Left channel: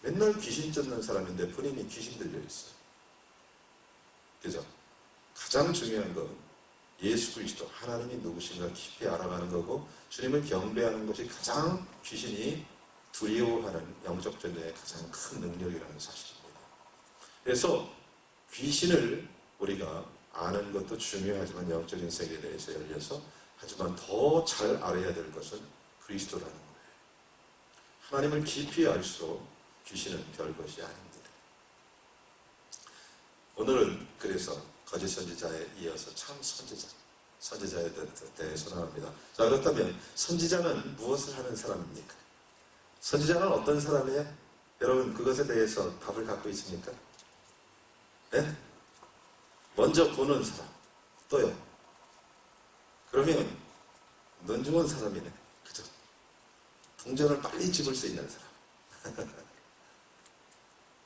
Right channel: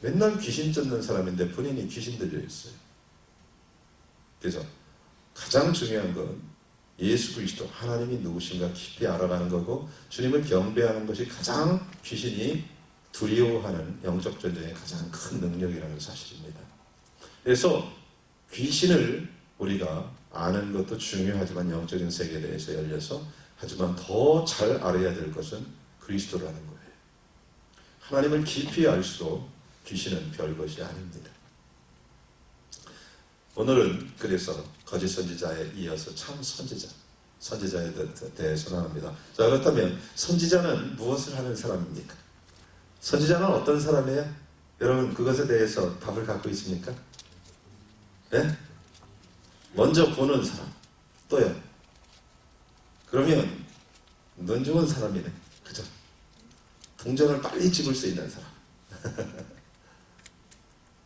맨날 귀신 쫓는 사람인데 본인이 귀신 들려 있어요. 그죠? 가장 중요한 건 예수 그리스도 하나님이 누구신가 깊이 알아가는 거고, 주님을 경배하는 것이 가장 귀신이 두려워하는 영적 전쟁의 가장 큰 능력이라는 사실입니다. 그래서 귀신을 우리가 아는 것도 중요하지만 영적인 세계에 대해서 열려서, 하지만 더 잘 알아야 될 것은 그리스도라는 거예요. 하나님을 깊이 알수록 귀신은 별것이 아닙니다. 오늘은 그래서 거짓 선지자에 이어서 참 선지자에 대해서 나옵니다. 자, 그렇다면 선지자는 무엇을 하는 사람입니까? 선지자는 어떤 사람이에요? 여러분 그것에 대해서 답을 갖고 있습니까? 네? 먼저 보는 사람. 또요? 그러면 눈 좋은 사람이네. 그죠? 동전을 빨리 집을 수 있는 사람.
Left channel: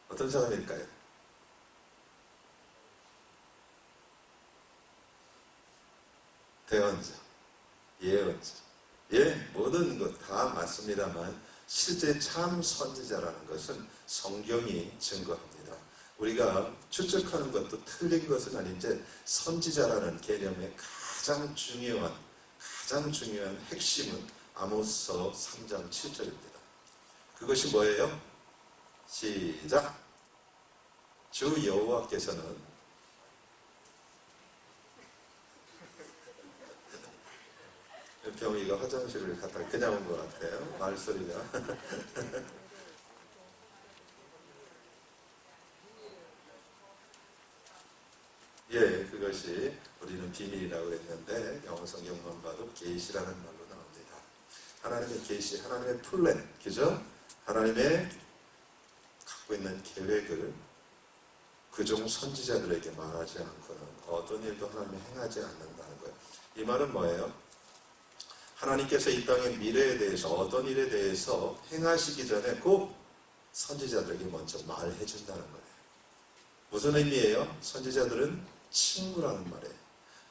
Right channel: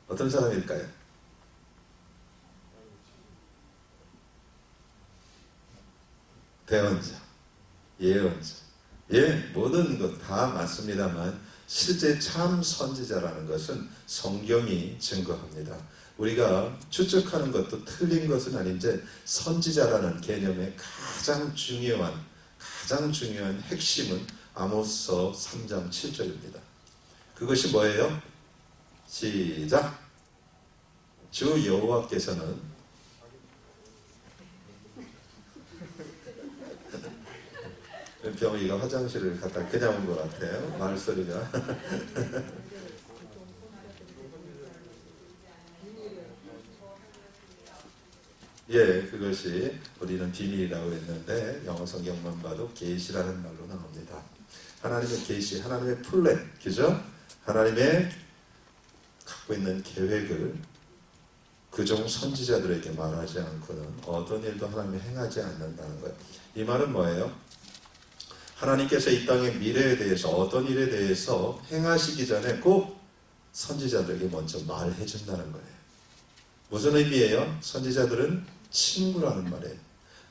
어떤 사람일까요? 대언자, 예언자. 예, 모든 것 다 맞습니다만 실제 참 선지자라는 것은 성경이 증거합니다. 우리가 추측하는 것도 틀린 것은 아닌데, 선지자라는 개념의 가장 중요한 핵심은 아모스서 3장 7절입니다. 그것이 뭐예요? 시작! 주 여호와께서는 병이가 화장실을 갔다 그냥 온 것 같아요. 말소리가. 예, 그것이 우리는 비밀이라고 했는데 영어 성경만 봐도 계시라는 말로 나옵니다. 하나님의 계시, 하나님의 플랜, 그죠? 하나님의 갖고 있는 계획을 그종 선지자들에게 말하지 않고는 어떤 일도 하나님이 행하지 않는다는 거예요. 이 말은 뭐예요? 하나님께서 이 땅의 미래에 대해서, 어떤 일에 대해서 행하시기 전에 꼭 선지자들에게 먼저 말해 준다는 거예요. 무슨 의미예요? 선지자들은 친구라는 말이에요.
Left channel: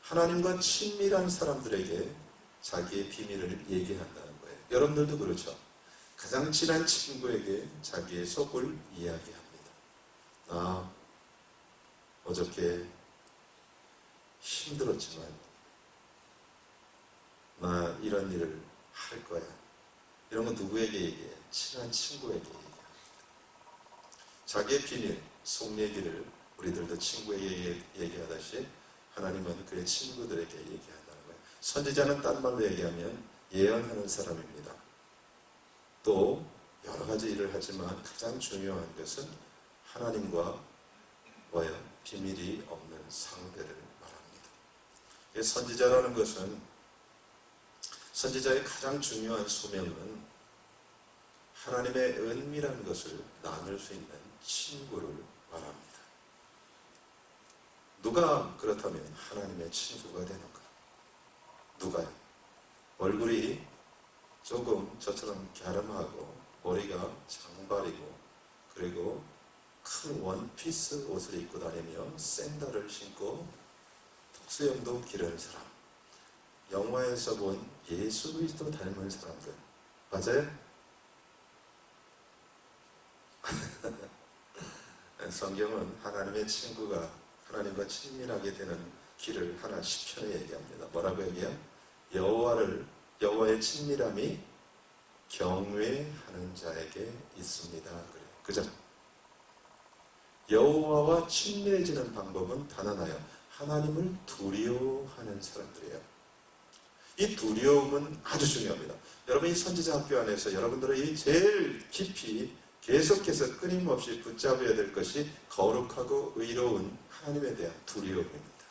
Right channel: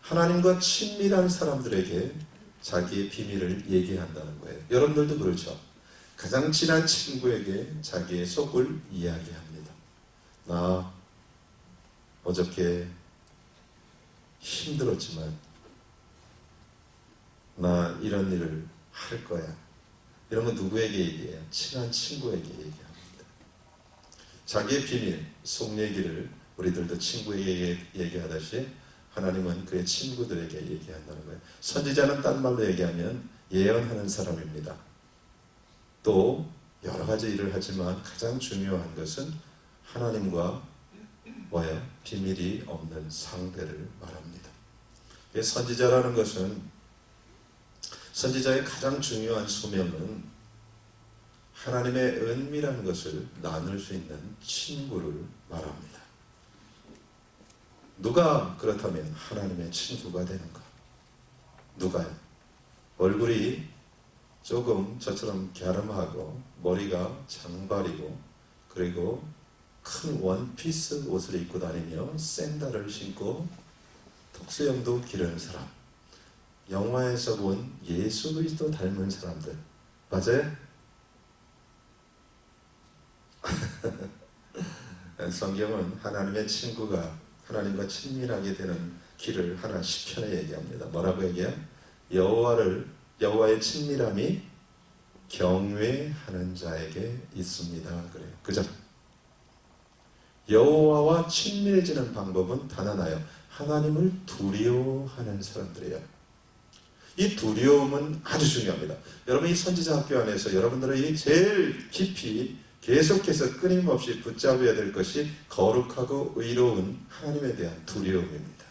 하나님과 친밀한 사람들에게 자기의 비밀을 얘기한다는 거예요. 여러분들도 그렇죠? 가장 친한 친구에게 자기의 속을 이야기합니다. 나 어저께 힘들었지만 나 이런 일을 할 거야. 이런 거 누구에게 얘기해요? 친한 친구에게 얘기합니다. 자기의 비밀, 속 얘기를 우리들도 친구에게 얘기하듯이 하나님은 그의 친구들에게 얘기한다는 거예요. 선지자는 딴 말로 얘기하면 예언하는 사람입니다. 또 여러 가지 일을 하지만 가장 중요한 것은 하나님과 뭐예요? 비밀이 없는 상대를 말합니다. 선지자라는 것은, 선지자의 가장 중요한 소명은 하나님의 은밀한 것을 나눌 수 있는 친구를 말합니다. 누가 그렇다면 하나님의 친구가 되는가? 누가요? 얼굴이 조금 저처럼 갸름하고 머리가 장발이고 그리고 큰 원피스 옷을 입고 다니며 샌들을 신고 턱수염도 기른 사람, 영화에서 본 예수 그리스도 닮은 사람들, 맞아요? 성경은 하나님의 친구가 하나님과 친밀하게 되는 길을 하나 시편에 얘기합니다. 뭐라고 얘기해요? 여호와의 친밀함이 경외하는 자에게 있습니다. 그래요. 그죠? 여호와와 친밀해지는 방법은 단 하나예요. 하나님을 두려워하는 사람들이에요. 이 두려움은 아주 중요합니다. 여러분, 이 선지자 학교 안에서 여러분들이 제일 깊이 계속해서 끊임없이 붙잡아야 될 것이 거룩하고 의로운 하나님에 대한 두려움입니다.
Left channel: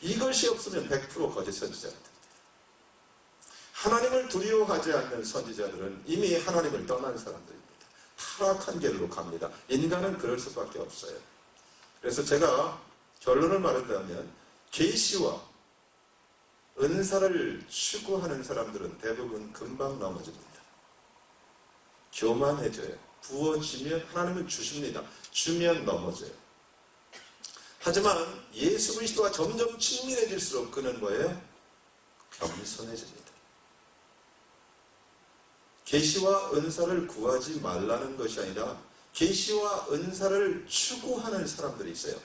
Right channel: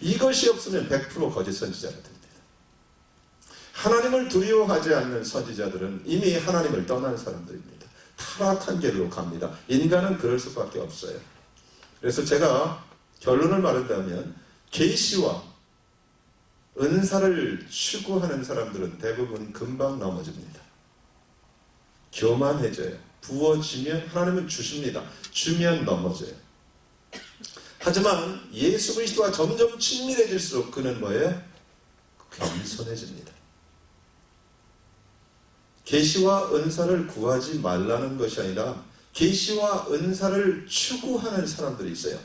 이것이 없으면 100% 거짓 선지자가 됩니다. 하나님을 두려워하지 않는 선지자들은 이미 하나님을 떠난 사람들입니다. 타락한 길로 갑니다. 인간은 그럴 수밖에 없어요. 그래서 제가 결론을 말한다면 계시와 은사를 추구하는 사람들은 대부분 금방 넘어집니다. 교만해져요. 부어지면 하나님은 주십니다. 주면 넘어져요. 하지만 예수 그리스도와 점점 친밀해질수록 그는 뭐예요? 겸손해집니다. 계시와 은사를 구하지 말라는 것이 아니라 계시와 은사를 추구하는 사람들이 있어요.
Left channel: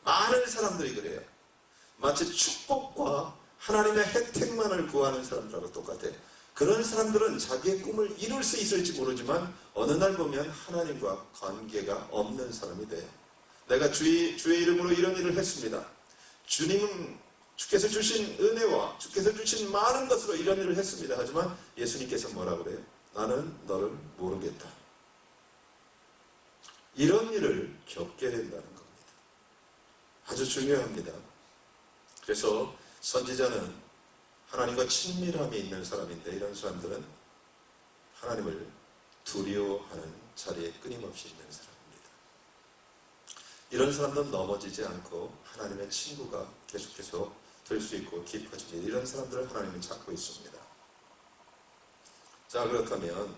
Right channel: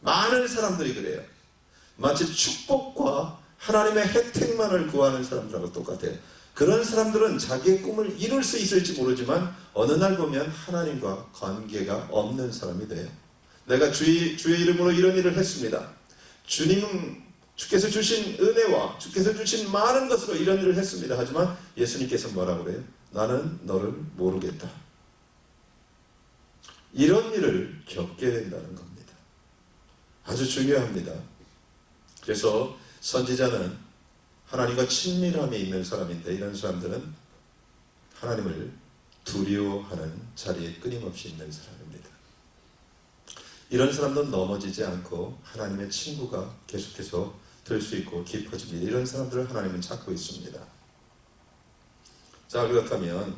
많은 사람들이 그래요. 마치 축복과 하나님의 혜택만을 구하는 사람들하고 똑같아요. 그런 사람들은 자기의 꿈을 이룰 수 있을지 모르지만 어느 날 보면 하나님과 관계가 없는 사람이 돼요. 내가 주의 이름으로 이런 일을 했습니다. 주께서 주신 은혜와 주께서 주신 많은 것으로 이런 일을 했습니다. 하지만 예수님께서 뭐라고 그래요? 나는 너를 모르겠다. 이런 일을 겪게 된다는 겁니다. 아주 중요합니다. 그래서 선지자는 하나님과 친밀함이 있는 사람인데 이런 사람들은 하나님을 두려워하는 자리에 끊임없이 있는 사람입니다. 이런 사람들은 넘어지지 않고 하나님의 친구가 계속해서 될 수 있고 깊어집니다. 이런 사람들을 하나님은 찾고 있습니다. 자, 그렇다면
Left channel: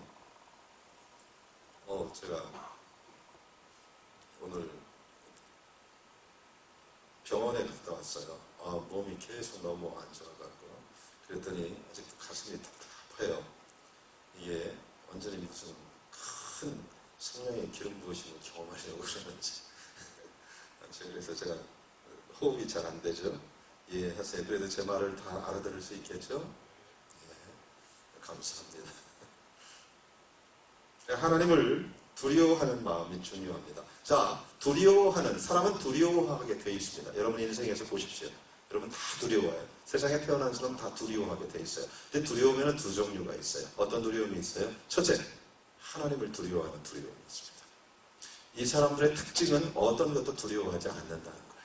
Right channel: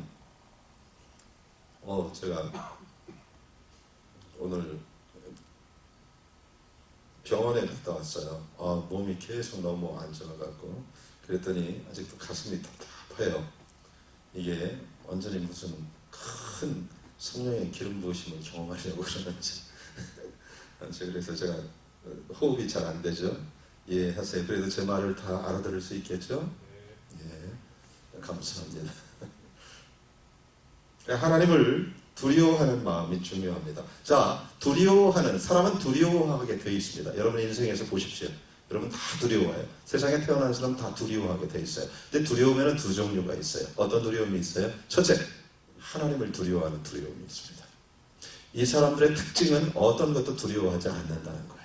제가 오늘 병원에 갔다 왔어요. 몸이 계속 너무 안 좋아갖고 그랬더니 아직도 가슴이 답답해요. 이게 완전히 무슨 큰 성령의 기름 부으심을 경험하려고 그러는지 그래서 제가 호흡이 잘 안 되죠. 이해하세요. 그래도 제 말을 다 알아들을 수 있겠죠? 예, 감사합니다. 하나님을 두려워하는 마음이 중요합니다. 자, 사람은 두려워하게 되어 있습니다. 여러분 인생에서 보십시오. 여러분 다 두려워해요. 세상에 태어난 사람은 다 두려워하게 되어 있어요. 근데 두려움에는 두 종류가 있어요. 어떤 두려움이 있어요? 첫째, 하나님을 두려워하는 두려움이 있습니다. 이 사람들의 특징은 어떤 것도 두려워하지 않는다는 거예요.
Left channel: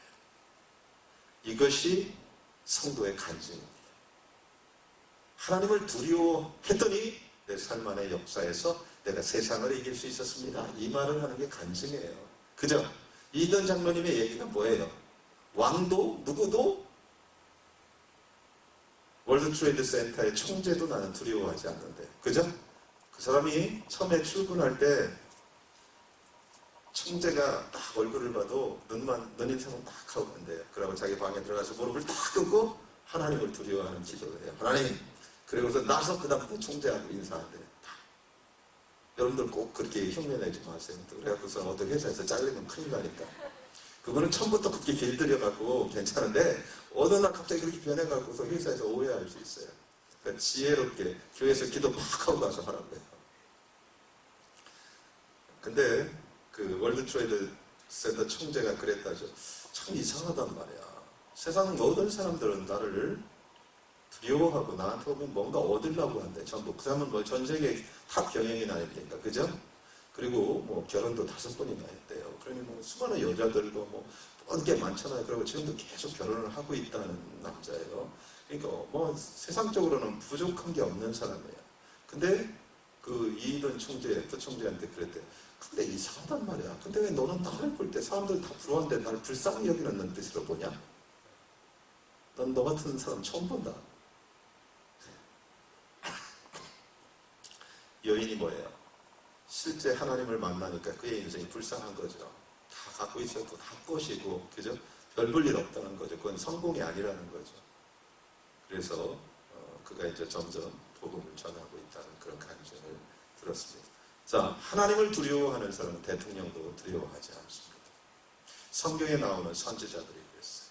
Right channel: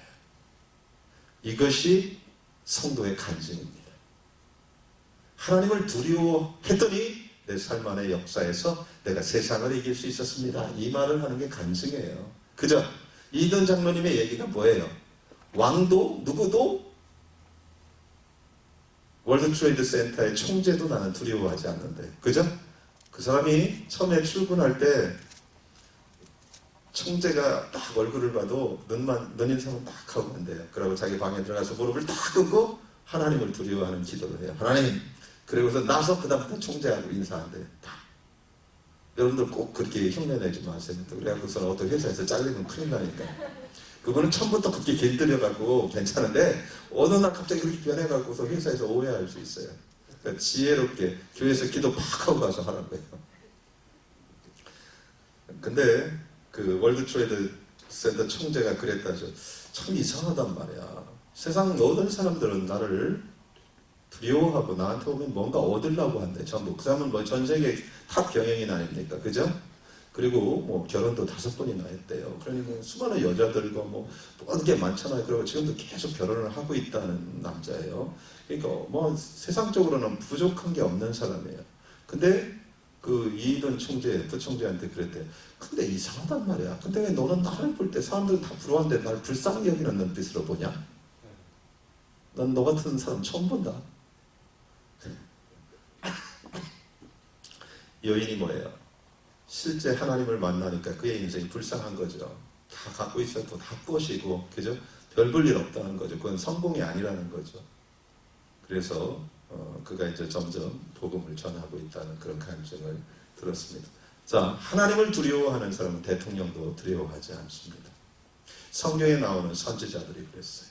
이것이 성도의 간증입니다. 하나님을 두려워했더니 내 삶 안의 역사에서 내가 세상을 이길 수 있었습니다. 이 말을 하는 게 간증이에요. 그죠? 이든 장로님의 얘기가 뭐예요? 왕도 누구도 월드트레이드 센터의 총재도 나는 두려워하지 않는데, 그죠? 그 사람이 처음에 출근할 때 총재가 딱 얼굴을 봐도 눈 인상을 딱 하고 간대요. 그러고 자기 방에 들어가서 무릎을 딱 꿇고 하나님을 두려워하는 기도를 해요. 하나님, 그리고서 나서 그 다음부터 총재하고 인사한대요. 여러분들 꼭 그렇게 흉내내지 마세요. 그래갖고서 어떤 회사에서 잘리면 큰일 나니까. 그거는 처음부터 그렇게 길들여갖고 괜찮은데 어느 날 갑자기 그렇게 변해갖고서 회사에서 오해할 수 있어요. 그러니까 지혜롭게 교회에서 기도 팍 하고 가서 하라고 해요. 근데 그 월드트레이드 센터 총재가 그랬다죠. 참 이상하단 말이야. 세상 모든 사람들은 나를 두려워하고 나한테 오면 뭔가 얻으려고 한대. 전부. 그 사람은 뭐 전 세계 탑 경영인 아닙니까? 그죠? 그리고 뭐 결혼도 5번이나 했대요. 그러니 뭐 수많은 여자들과 뭐 모든 게 많잖아요. 그리고 지금도 계속 결혼을 하고 있다는 남자예요. 그러니까 뭐 세상적으로는 부족한 게 없는 사람이에요. 근데 그 이던 총재, 부총재한테 그랬대요. 근데 이상하단 말이야. 근데 왜 너는 나를 볼 때 사람들 다 부러워하는데 날 불쌍히 여기는 눈빛으로 보냐? 난 너 같은 사람 처음 본다. 여인이 뭐예요? 실제 하나님을 만나니까 그의 인생이 불쌍한 거죠. 다 갖고 있어도 다 꼬시고, 그죠? 별 볼 일 없다는 거죠. 그건 성공이 아니라는 거죠. 그래서 그가 이제 점점 복음을 전하고 있다는 그런 간증을 들었습니다. 자, 하나님을 두려워하는 사람은 대통령도 두려워하지 않습니다. 성경에 나오는 선지자들이 그랬어요.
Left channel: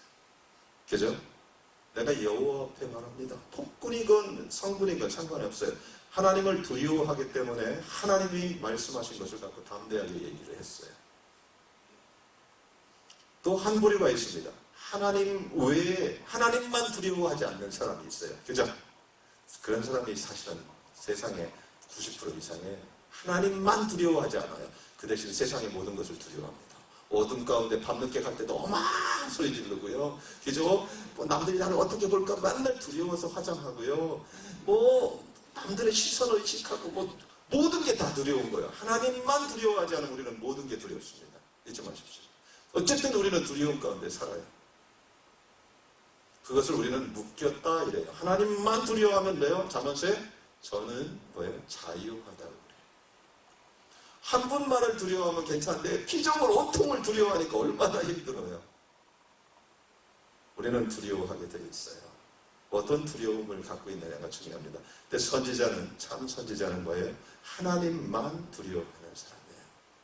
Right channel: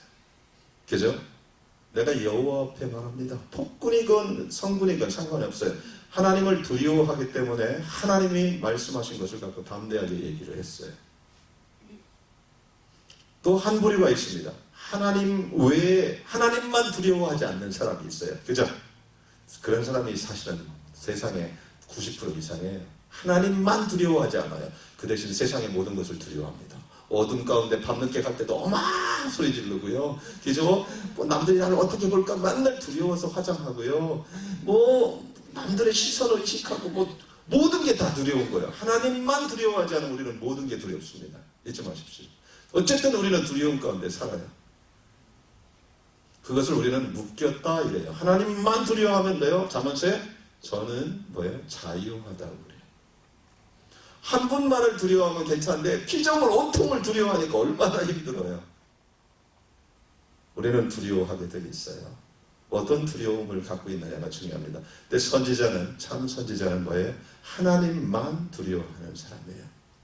그죠? 내가 여호와 앞에 말합니다. 폭군이건 성군이건 상관이 없어요. 하나님을 두려워하기 때문에 하나님이 말씀하신 것을 갖고 담대하게 얘기를 했어요. 또 한 부류가 있습니다. 하나님 외에 하나님만 두려워하지 않는 사람이 있어요. 그죠? 그런 사람이 사실은 세상의 90% 이상의 하나님만 두려워하지 않아요. 그 대신 세상의 모든 것을 두려워합니다. 어둠 가운데 밤늦게 갈 때도 어마 소리 지르고요. 그죠? 뭐 남들이 나를 어떻게 볼까 맨날 두려워서 화장하고요. 뭐 남들의 시선을 의식하고 뭐 모든 게 다 두려운 거예요. 하나님만 두려워하지 않으면 우리는 모든 게 두렵습니다. 잊지 마십시오. 어쨌든 우리는 두려움 가운데 살아요. 그것을 우리는 묶였다 이래요. 하나님만 두려워하면 돼요. 잠언서에 저는 뭐예요? 자유하다고 그래요. 한 분만을 두려워하면 괜찮은데 피조물 온통을 두려워하니까 얼마나 힘들어요. 우리는 두려워하게 되어 있어요. 어떤 두려움을 갖고 있느냐가 중요합니다. 근데 참 선지자는 뭐예요? 하나님만 두려워하는 사람이에요.